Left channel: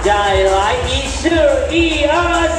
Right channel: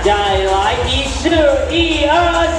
再来一四一二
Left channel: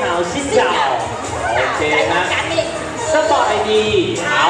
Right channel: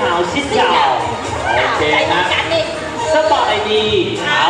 หนาวชิดเก่าโอเคฮะสไตล์ดีเอา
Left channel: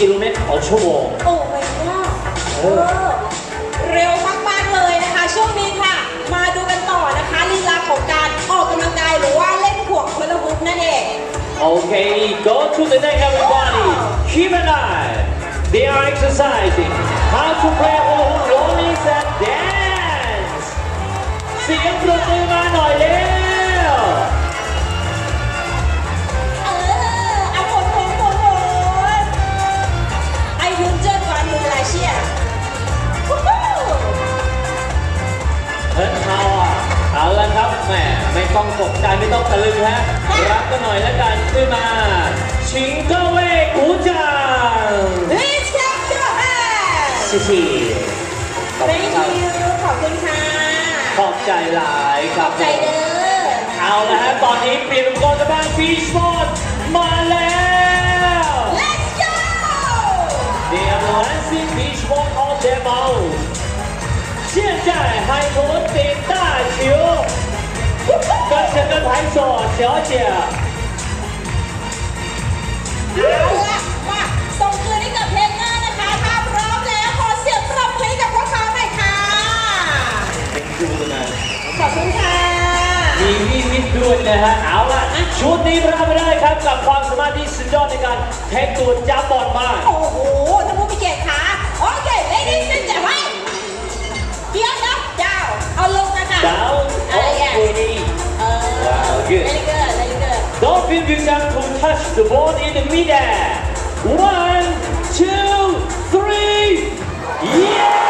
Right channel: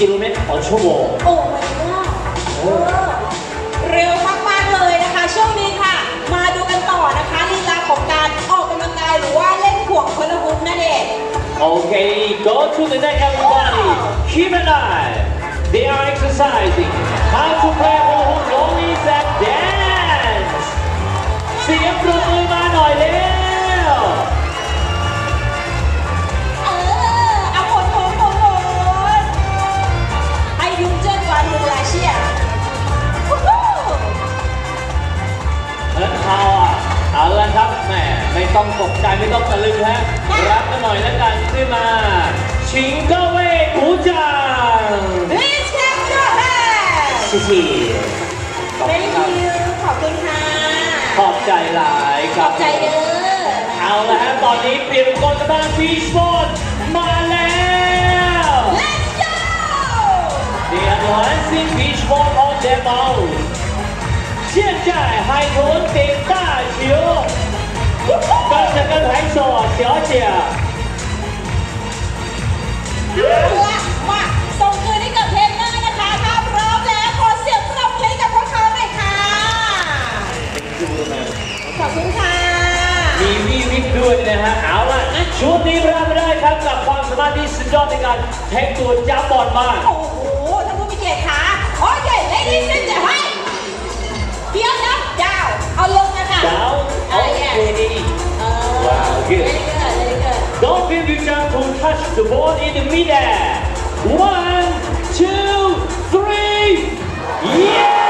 กิโลเมตรต่อชั่วโมง โอ้ไม่ว่าเออ เร็วมากๆเลยนะคะ ช่วงนี้ค่ะ มาดูกันต่อนะคะลีลาของการออกกำลังกายหรือว่าเล่นห่วงพลฮุบนั่นเอง Okay, go to the neck, everybody. Keep an eye. They are exercising. How to play hula hoop, lollies, and dance. เสี ชิงเก้าเว่กูจัง Please clap your hands ชิชิขอบคุณ Thank ครับ you ขอบคุณค่ะ ขอบใจหลายค ข รั อ บบ ใจเด้อ เอาละฮะตอนนี้เปลี่ยนกองกำลังฟีสปอร์ตมาแล้ว Let's go They are dancing beach ball on their mouth 现在海豚顶大球跟着跟拍手小姐 ขอเสียงปรบมือให้กับพวกเขาหน่อยค่ะเป็นคุณนะขอบคุณค่ะ มีวิวิทย์ด้วยนะฮะ เอาล่ะ ชุดนี้รับไปเลยครับกับความสามารถที่สุดยอดในการแทงตัวจับบอลมากโอ้โหท่านผู้มีเกียรติคะโอเค ladies and gentlemen เดี๋ยวนะดาว เอาลงมาค่ะ down อะไรแย่ okay เออ Wow, good. Very good very good Dolphin Vision to touch the ball in the middle. One, two, three. Yeah!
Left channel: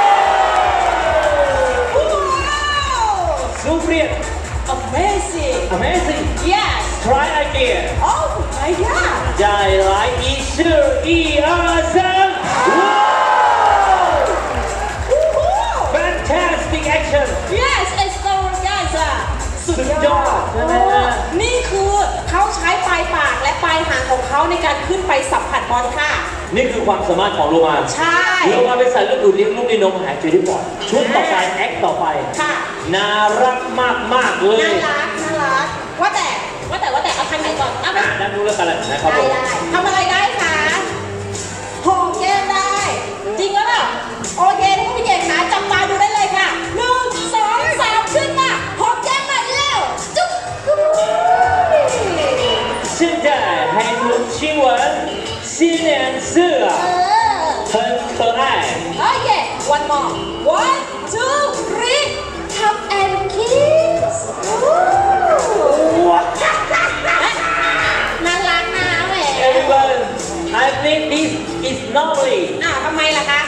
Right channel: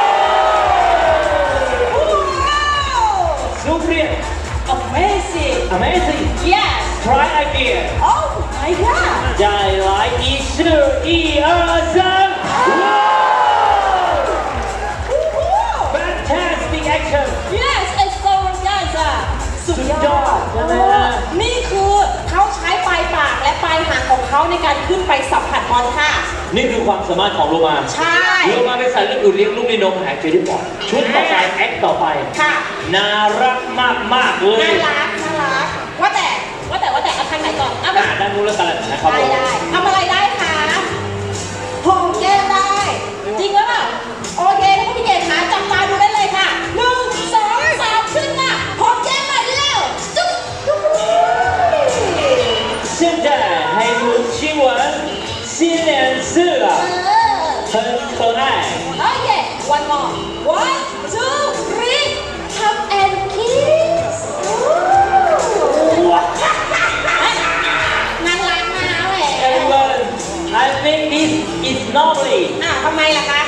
ในการขึ้นไปสัมผัสบอลค่ะ นี่คือความสามารถของโลมาใช่โลมาเป็นสายเลือดดูดเลี้ยงลูกในนมหายใจได้ก่อนชุดต่อไปแอคต่อไปค่ะน่ารักมากมากๆเลน่ายรักน่ารักว่าแต่ว่าแต่ว่าแต่เอาทางไหนก่อนเอาไปอ่านั่งดูแล้วกันนะครับผได้ม 在海豚亲吻新脸色 เอ 啊， อ 很可爱。 โอเค one more one two three come and kiss 哇 น่ารักนะแหม ，everyone, I think this is normally อ่ะทำไมล่ะคะ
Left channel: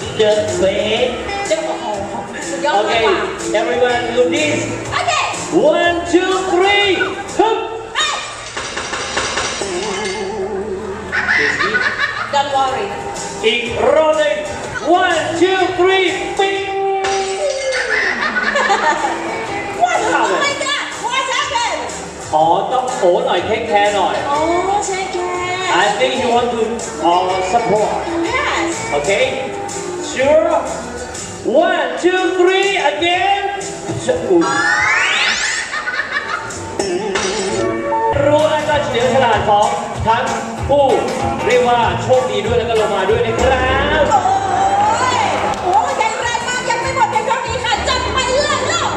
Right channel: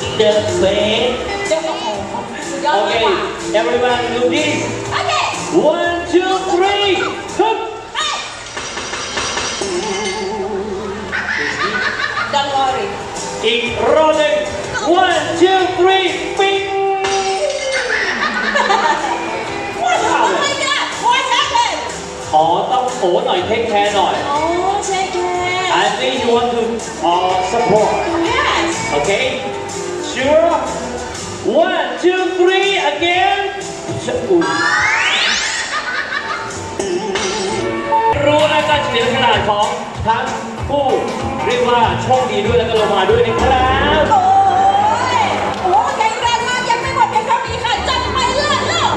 a the same เจ้าของสุดยอดมากกว่า okay everyone do this โอเค one two three Don't worry อีกรอบหนึ่ง one two three ปิ๊ง What oh my god What happened ขอต้องโอหน่อยเทคแคร์หน่อย Oh take care I think you want to uh, support Yes okay sure one two three again จะอุ๊ยรู้นะการเฉลียวฉลาดของทั้งผู้ เรียกว่าโชคดีด้วยแล้วก็ลงมาด้วยนะครับโอ้ยโอ้แข็งแรงมากยังไม่หมดเพียงเท่านี้ค่ะจับไปเลิศแล้ว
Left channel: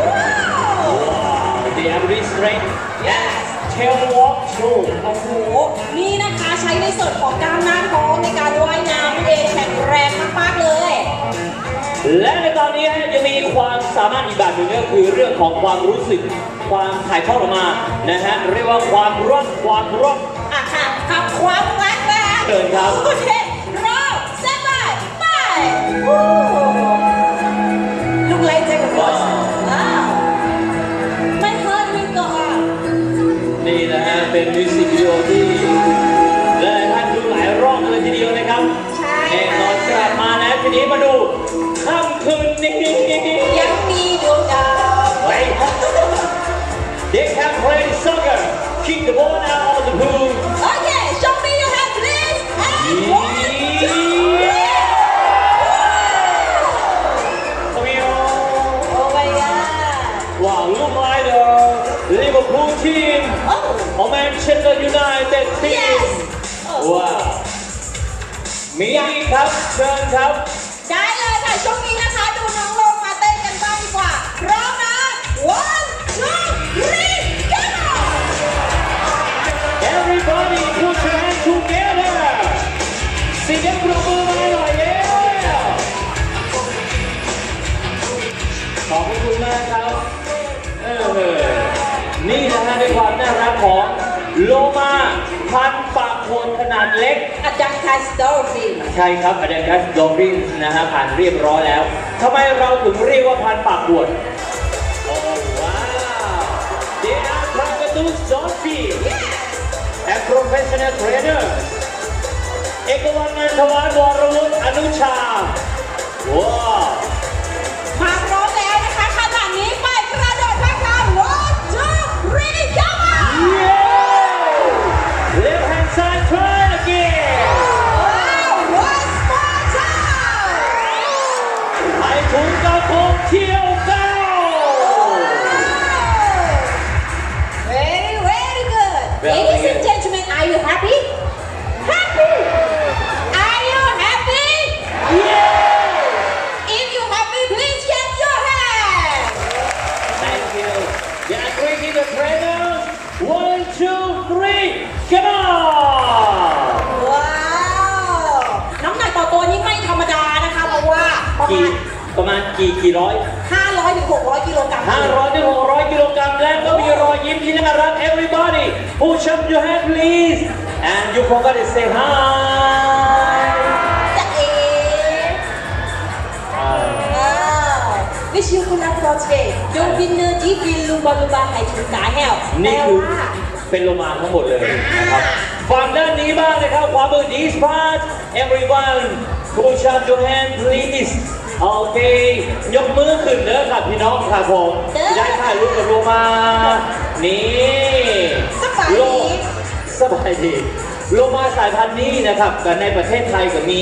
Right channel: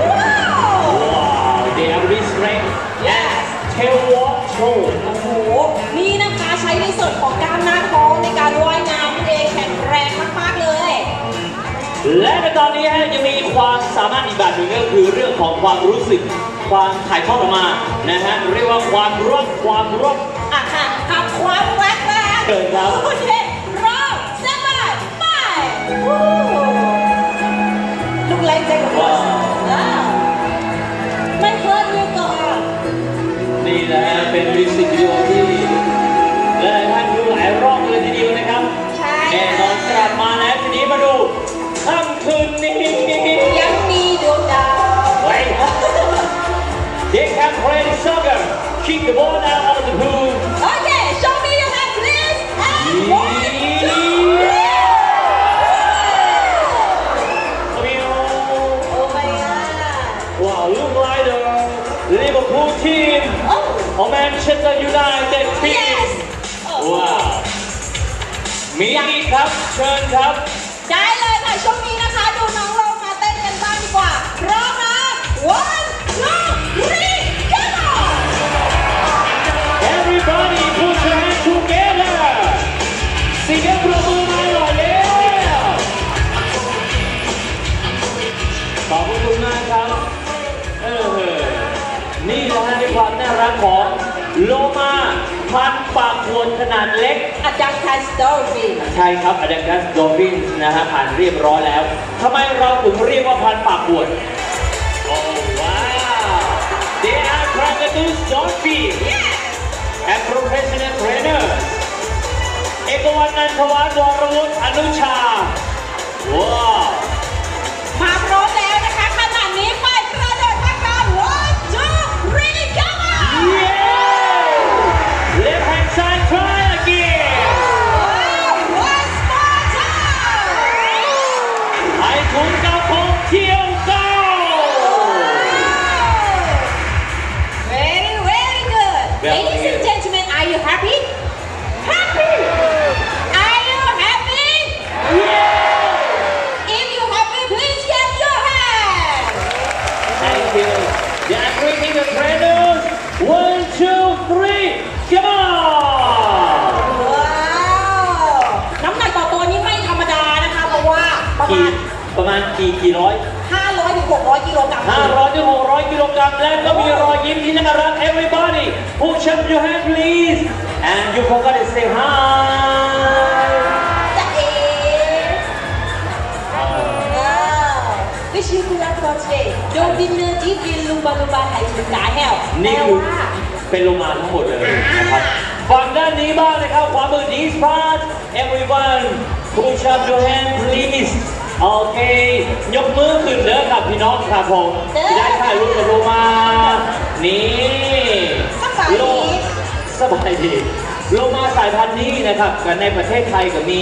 ว้าว Wow, they have this strength Yes tail walk show โอ้โหนี่นะคะใช้ในส่วนของกล้ามหน้าท้องในการว่ายน้ำนั่นเองแข็งแรงมากๆเลย และในตอนนี้ฮะยังมีความสามารถอีกแบบหนึ่งก็คือเรื่องของความรู้สึก ความถ่ายทอดออกมานะฮะเรียกว่าความร่วมความร่วมอะค่ะ ทำความรักนะคะเชิญครับโอเครอสบายไป ชิญครับ ได้เลยค่ะช่วงนี้นะคะ ดูน้องลงมาเต้นกันบ้างดีกว่าพร้อมนะ one two three go Everybody put your hands together เสียง ขนาดเล็ก a duck has dolphin ใช่ครับอ d ด n กัส o อ p ิ n นะฮะผ่านเรียบร้อยแล้วทำไมเราถึงเรียกว่าพันปากบวชโอ้ว้าว They are Crocodile Dolphin and professional trainer เอกวันนันทวานวรวุฒิอนุชาว้าว three. Come on. ว้าว น้ำหนักต่อตัวนี้ไม่ธรรมดานะคะ เพราะว่าประมากี่ณ ประมาณกี่กี่ร้อย500ถึง600กิโลกรัมห้าร้อยถึงหกร้อยกิโลกรัมและก็มีรอยยิ้มที่น่ารัก everybody push up your hand please and you forgot to say hi จะเอ๋ว้าว Wish you good luck for today Don't be nerdy be lumba lumba ไทยถึงสาแหวนี่คือ เป็นโลมาทั้งหมดเลยนะครับฝั่งด้านนี้บ้างนะครับขวามือ this part everyone push up your hand please โอเค ยกมือขึ้นเด้อครับพี่น้องครับผมจะได้ถ่ายรูปกับโลมา นี่สบายโลดีสบายดีโลมาสายพันธุ์นี้นะครับแต่ในประเทศไทยก็มี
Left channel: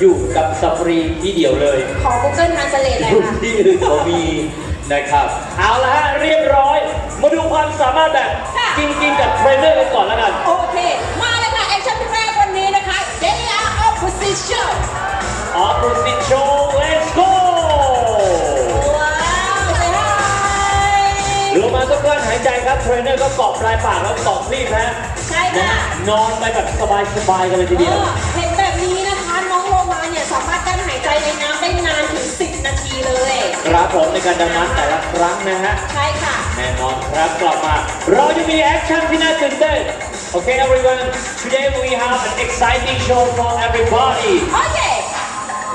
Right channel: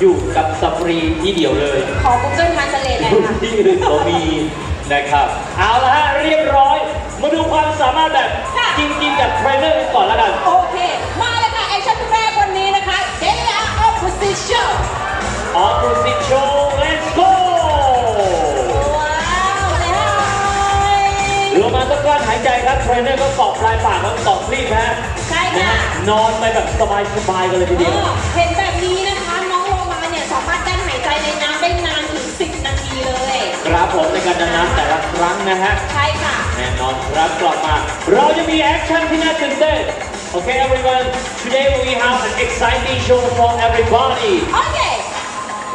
อยู่กับสัฟรีที่เดียวเลย ขอ Google Translate หน่อยอยู่ค่ะที่อื่นก็มีนะครับ เอาละฮะเรียบร้อย มาดูความสามารถแบบค่ะ จริงๆกับเทรนเนอร์กันก่อนแล้วกัน โอเค มาเลยค่ะแอคชั่นแรกวันนี้นะคะ They are opposition Opposite show let's go ว้าวเลยลงมาต้องกลั้นหายใจครับ เทรนเนอร์ก็เกาะปลายปากแล้วเกาะคลีบฮะใช่นะค่ะฮะนอนไปแบบสบายๆกันเลยทีเอเดียวอเห็นแบบนี้นะคะ น้องโลมาเนี่ยสามารถกั้นหายใจในน้ำได้นานถึง 10 นาทีเลย ครับผมในการดำน้ำแต่ละครั้งนะฮะ ใช่ค่ะแน่นอนครับกลับมา เราจะมีแอคชั่นที่น่าตื่นเต้น Okay everyone today we have an exciting show for everybody Okay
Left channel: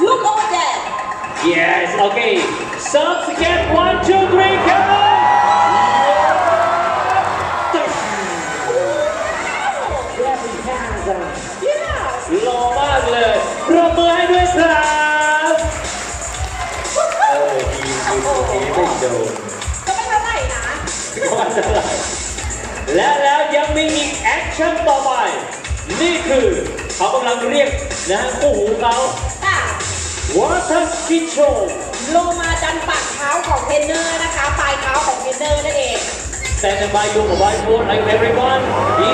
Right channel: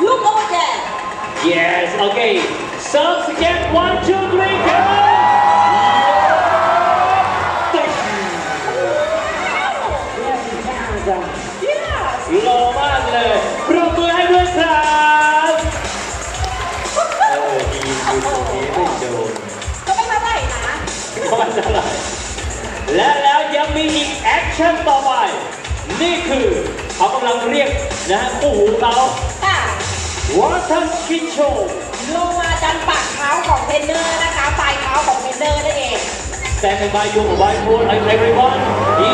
look over Yes, okay. Subs get one, two, three, วอเตอร์สกินโชว์ลงมาดันปากเท้าของเทรนเนอร์นะคะปลายเท้าของเทรนเนอร์นั่นเอง Standing by your mobile phone and everyone. He...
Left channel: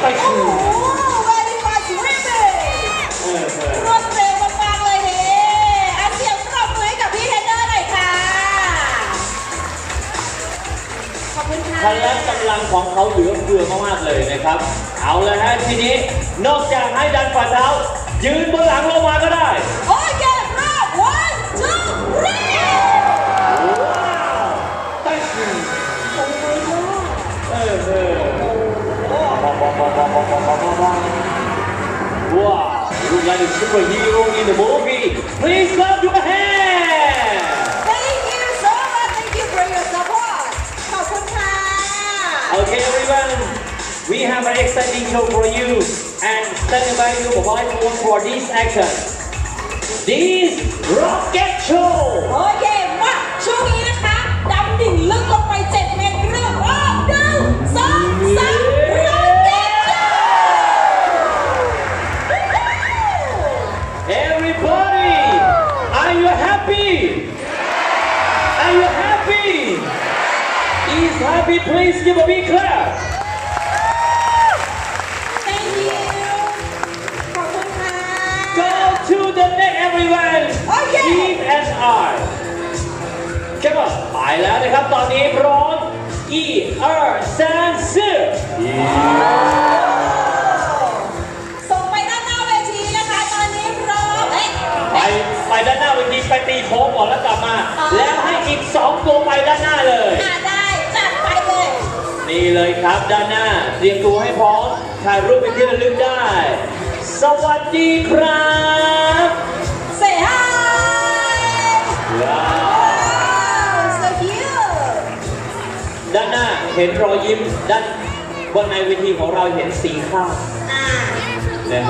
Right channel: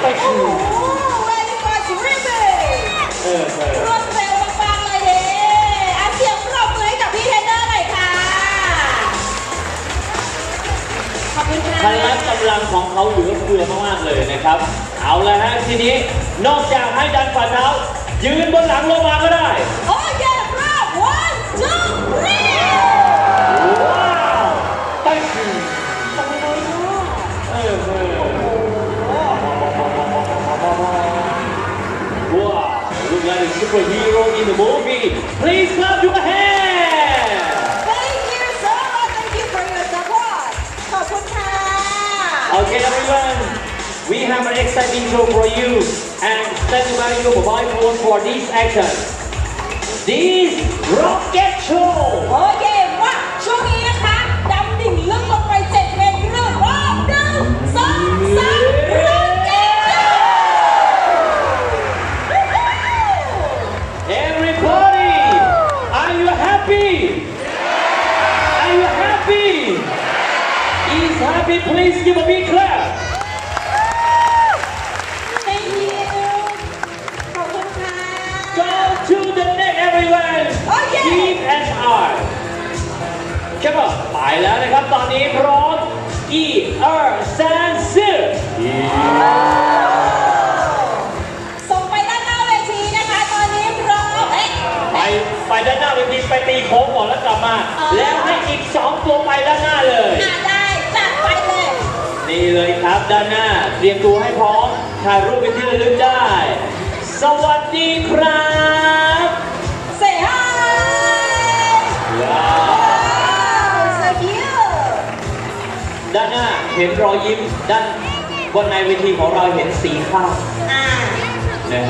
ไปโอ้ชูโห very much really เออเออรวดเร็วมากๆเลยเนี่ยอาเสียงปรบมือให้กับพี่เทรนเนอร์หน่อยค่ะ ขอบคุณค่ะพละกำลังของเขาเหลือเฟือมากๆเลยนะครับ เอาละฮะทีนี้นอกจากให้ดันฝ่าเท้า ยืนบนหลังลงมาก็ได้ โอ้ยเย้รอบ one two three ว้าวไปชูเออเออว้าว look like a superhero in the movie please clap your hands Thank you so much Thank you for your support ขอบคุณค่ะ Okay, everyone, we have an exciting show for you and standing by your mobile phone for this action. This rocket show. โอเคมาช่วงนี้นะคะดำดิ่งลึกลงไปเจ็ดเมตรเรื่องรอบหนึ่งสองสามเริ่มเก็บ Everybody, are you happy? Are you happy? Is happy? Please give a big clap. แล้วนะครับตอนนี้พร้อม E R 3ส่งไปด้านหน้าเวทีนะคะ ตอนนี้พร้อมเอ๊ะไปไปด้านหน้าเวทีไปตีโค้งก่อนแล้วกลับมา แล้วให้อีกสองตัวไปด้านหน้าเลย อะได้จัดไปเลย นี่เลยครับด้านหน้า เตรียมตัวให้พร้อมถ่ายรูปเป็นที่ระลึกได้ สวัสดีครับ เห็นรอยยิ้มด้านบนในเวทีของเราเห็นสีข้าวอ่า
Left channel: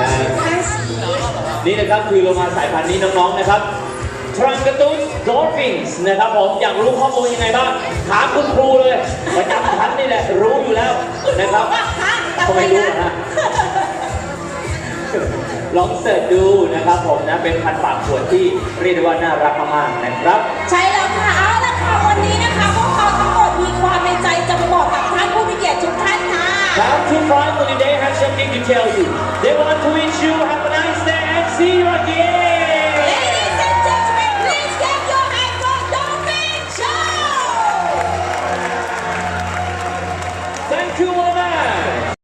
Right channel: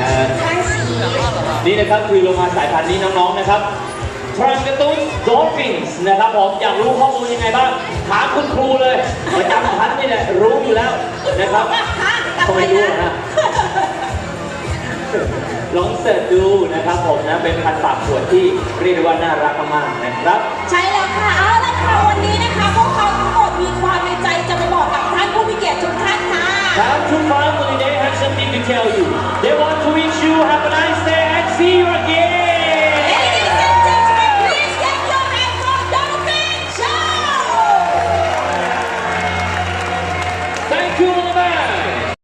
นะฮะห้าสีนี่นะครับคือโรงงานสายพันธุ์นี้น้องๆนะครับทรันกระตุ้นดอลฟินส์นะครับผมอยากรู้ข้อมูลยังไงบ้างถามคุณครูเลยประจำชั้นนี่แหละรู้อยู่แล้วนะครับว่าฮะทำไมรู้นะลองเสิร์ชดูนะครับผมนะเป็นพันธุ์ปากขวดที่เรียกได้ว่าน่ารักมากๆนะครับ ใช่